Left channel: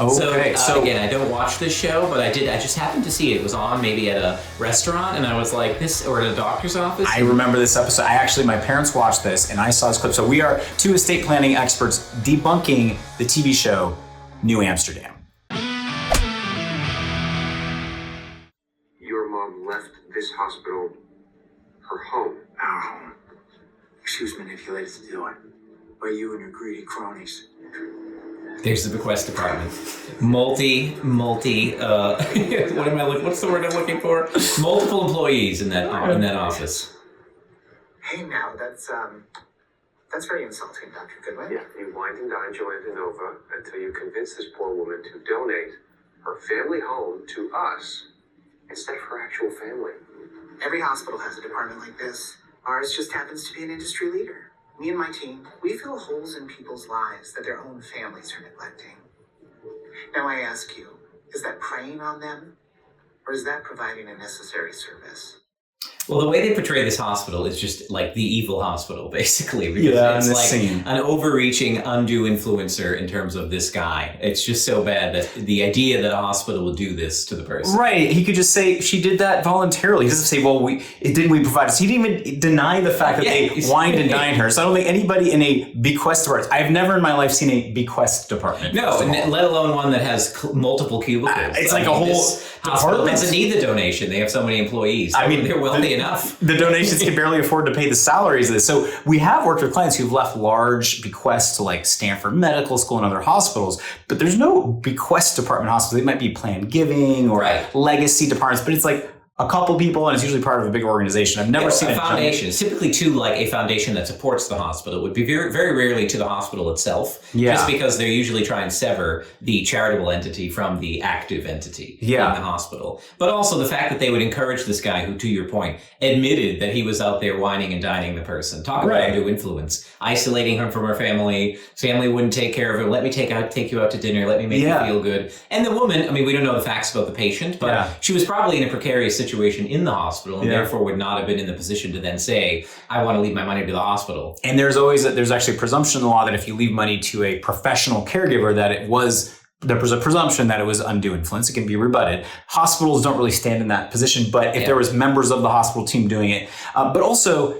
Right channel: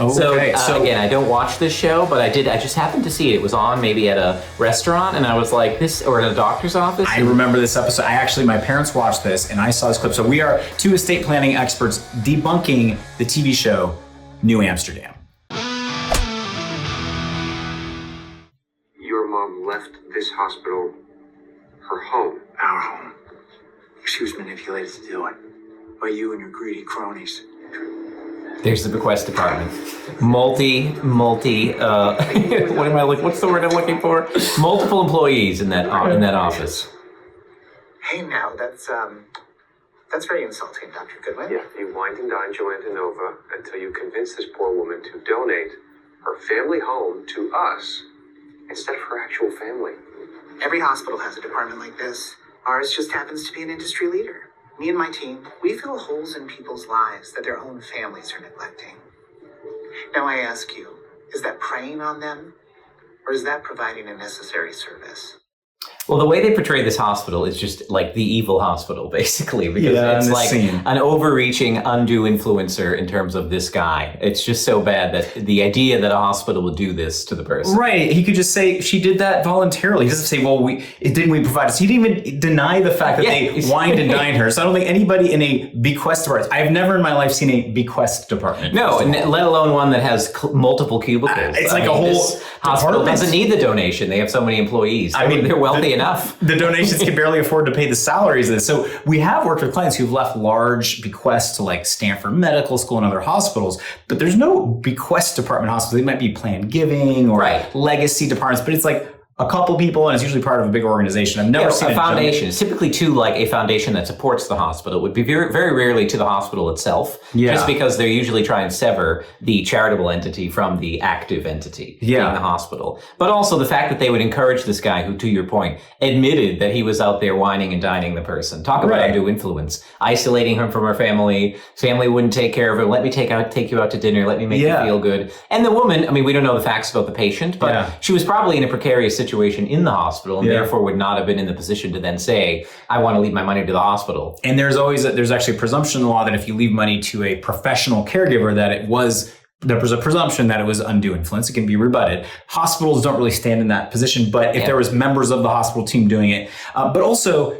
Okay. So again, I don't watch this show, but I just happened to see it. It was on maybe at a restaurant, and I was like, or at a doctor's office. I remember this episode. My parents watched this, and I saw this clip. So we are two estate planning experts debunking the TV show New Amsterdam. Your mom left this hospital, her home. Our home. She was manipulated to do it by you and your greedy cronies. There's the bequest department. What am I looking? What's the word I'm looking for? Multiple employees in that office. Hey, now that's very insulting, Dr. Goodwin. Yeah, you wined and dined Joanna Nova until you convinced this poor woman to donate her family home to us instead of her actual family. Every hospital has a department like this. Ours just happens to be an industry leader. Me and my team, we fill holes in people's lives that their own families are neglecting. Now I ask you, is that preying on them, or is that providing a necessary service? Well, the way they portray this hospital is just like the evil hospital, basically, because it's like an overreaching, undue influencer in terms of this guy. It's just so bad that the idea that a hospital would do this to the person. Right. He could just say she did that voluntarily. He doesn't say, well, didn't we provide us? He didn't even deny the fact that they wined and dined her. So I don't think anybody in a bequest department, I've never in my life seen a bequest department. No, let alone one that has multiple cubicles. It's like a whole hospital doesn't need the donation. They have so many employees. I mean, they're wealthy enough. The donations can barely afford to pay the salaries of this. So we have worked with clients who've left large bequests to like Stanford Medical School and other hospitals, but there's no bequest department hospital. They might be planned giving or legacy departments, but it's like a couple people, and it's usually part of a big organization. I've never seen a foundation. It's typically to like a foundation that supports the hospital. It would be very, very rarely to the hospital itself, just because they usually try and sever the charitable entity from the active entity in the hospital. But also the fact that they would encourage this guy who, to your point, admitted that he was out there whining and dining the person. Talk about undue influence. Isolating him from her family. Family wouldn't take care of her. Let me take you out to dinner. Let me make you feel good. And the woman, I mean, we don't know the facts about the patient, but she was probably in a precarious situation in the hospital, and therefore would not have been in the position to then say, I want to leave my money to the hospital. And there's actually a presumption in the law that if you leave money to a professional caregiver, that there was a presumption that it was undue influence. It can be rebutted. Hospitals don't really stand in that position, but if there was members of the hospital team doing it, but also,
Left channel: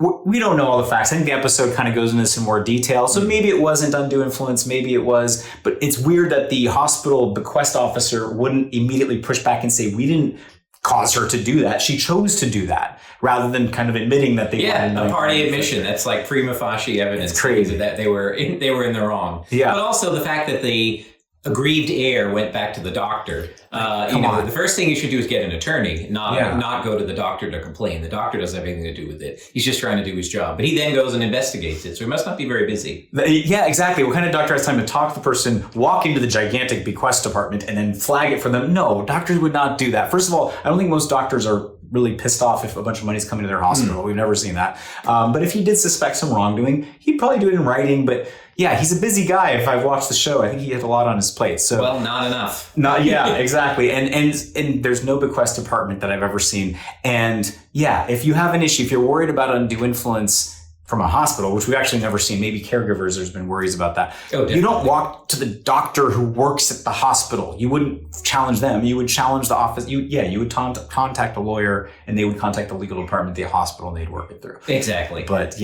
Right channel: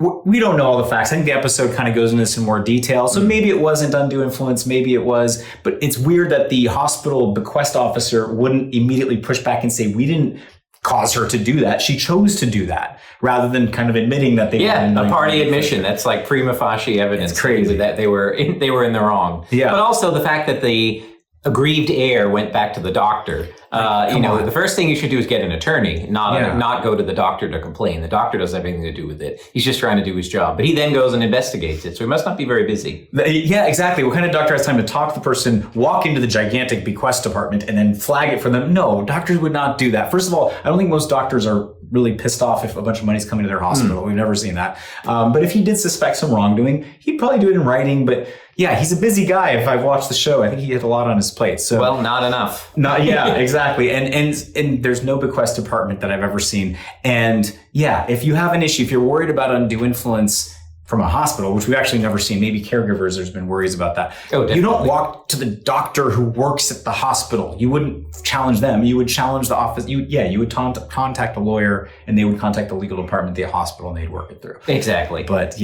we don't know all the facts. I think the episode kind of goes into this in more detail. So maybe it wasn't undue influence, maybe it was, but it's weird that the hospital bequest officer wouldn't immediately push back and say, we didn't cause her to do that. She chose to do that, rather than kind of admitting that they wanted a party admission. That's like prima facie evidence. It's crazy that they were in the wrong. Yeah. But also the fact that the aggrieved heir went back to the doctor. The first thing you should do is get an attorney, not go to the doctor to complain. The doctor doesn't have anything to do with it. He's just trying to do his job. But he then goes and investigates it. So he must not be very busy. Yeah, exactly. What kind of doctor has time to talk to the person, walk into the gigantic bequest department, and then flag it for them? No, doctors would not do that. First of all, I don't think most doctors are really pissed off if a bunch of money's coming to their hospital. We've never seen that. But if he did suspect some wrongdoing, he'd probably do it in writing. But yeah, he's a busy guy. If I've watched the show, I think he had a lot on his plate. So not enough. Exactly. And there's no bequest department that I've ever seen. And if you have an issue, if you're worried about undue influence from a hospital, which we've actually never seen, maybe caregivers, there's been worries about that. You don't walk to the doctor who works at the hospital. You wouldn't challenge them. You would challenge the office. You would contact a lawyer, and they would contact the legal department of the hospital, and they'd work it through. Exactly. But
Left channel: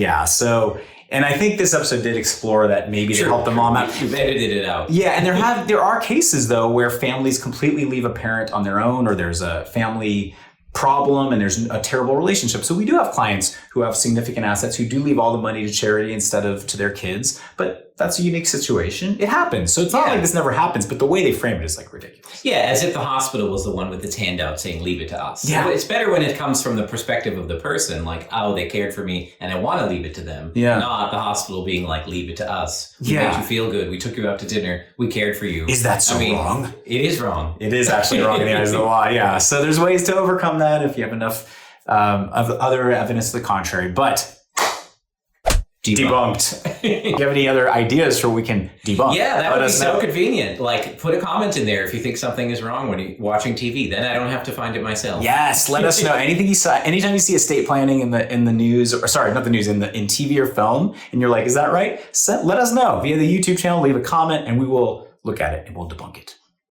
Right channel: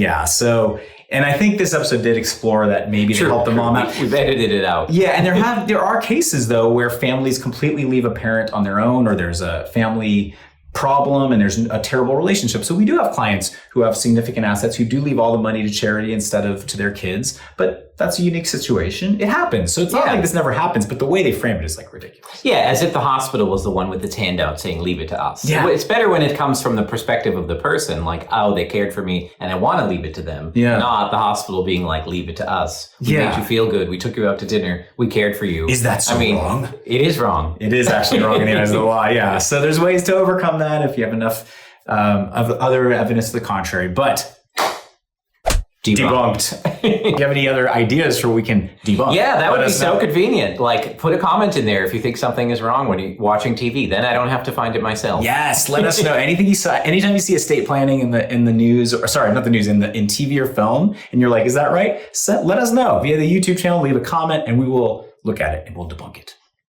and I think this episode did explore that maybe they helped the mom out. We've edited it out. Yeah, and there are cases though where families completely leave a parent on their own, or there's a family problem and there's a terrible relationship. So we do have clients who have significant assets who do leave all the money to charity instead of to their kids, but that's a unique situation. It happens. So it's not like this never happens, but the way they frame it is like ridiculous. Yeah, as if the hospital was the one with its handout saying, leave it to us. Yeah. It's better when it comes from the perspective of the person, like, oh, they cared for me and I want to leave it to them. Yeah. Not the hospital being like, leave it to us. We made you feel good. We took you out to dinner. We cared for you. Is that so wrong? It is wrong. It is actually wrong in the eyes of the law. Yeah. So there's ways to overcome that if you have enough of other evidence to the contrary. But debunked. Do you have any other ideas for we can debunk? Yeah, that would be so convenient. Like, put a comment in there if you think something is wrong when you're watching TV. Then I don't have to find it myself. Yes, let us know. Anything you saw, anytime you see estate planning in the news, or sorry, not the news, in TV or film, and you're like, is that right? Let us know via the YouTube channel. Leave a comment, and we will look at it and we'll debunk it.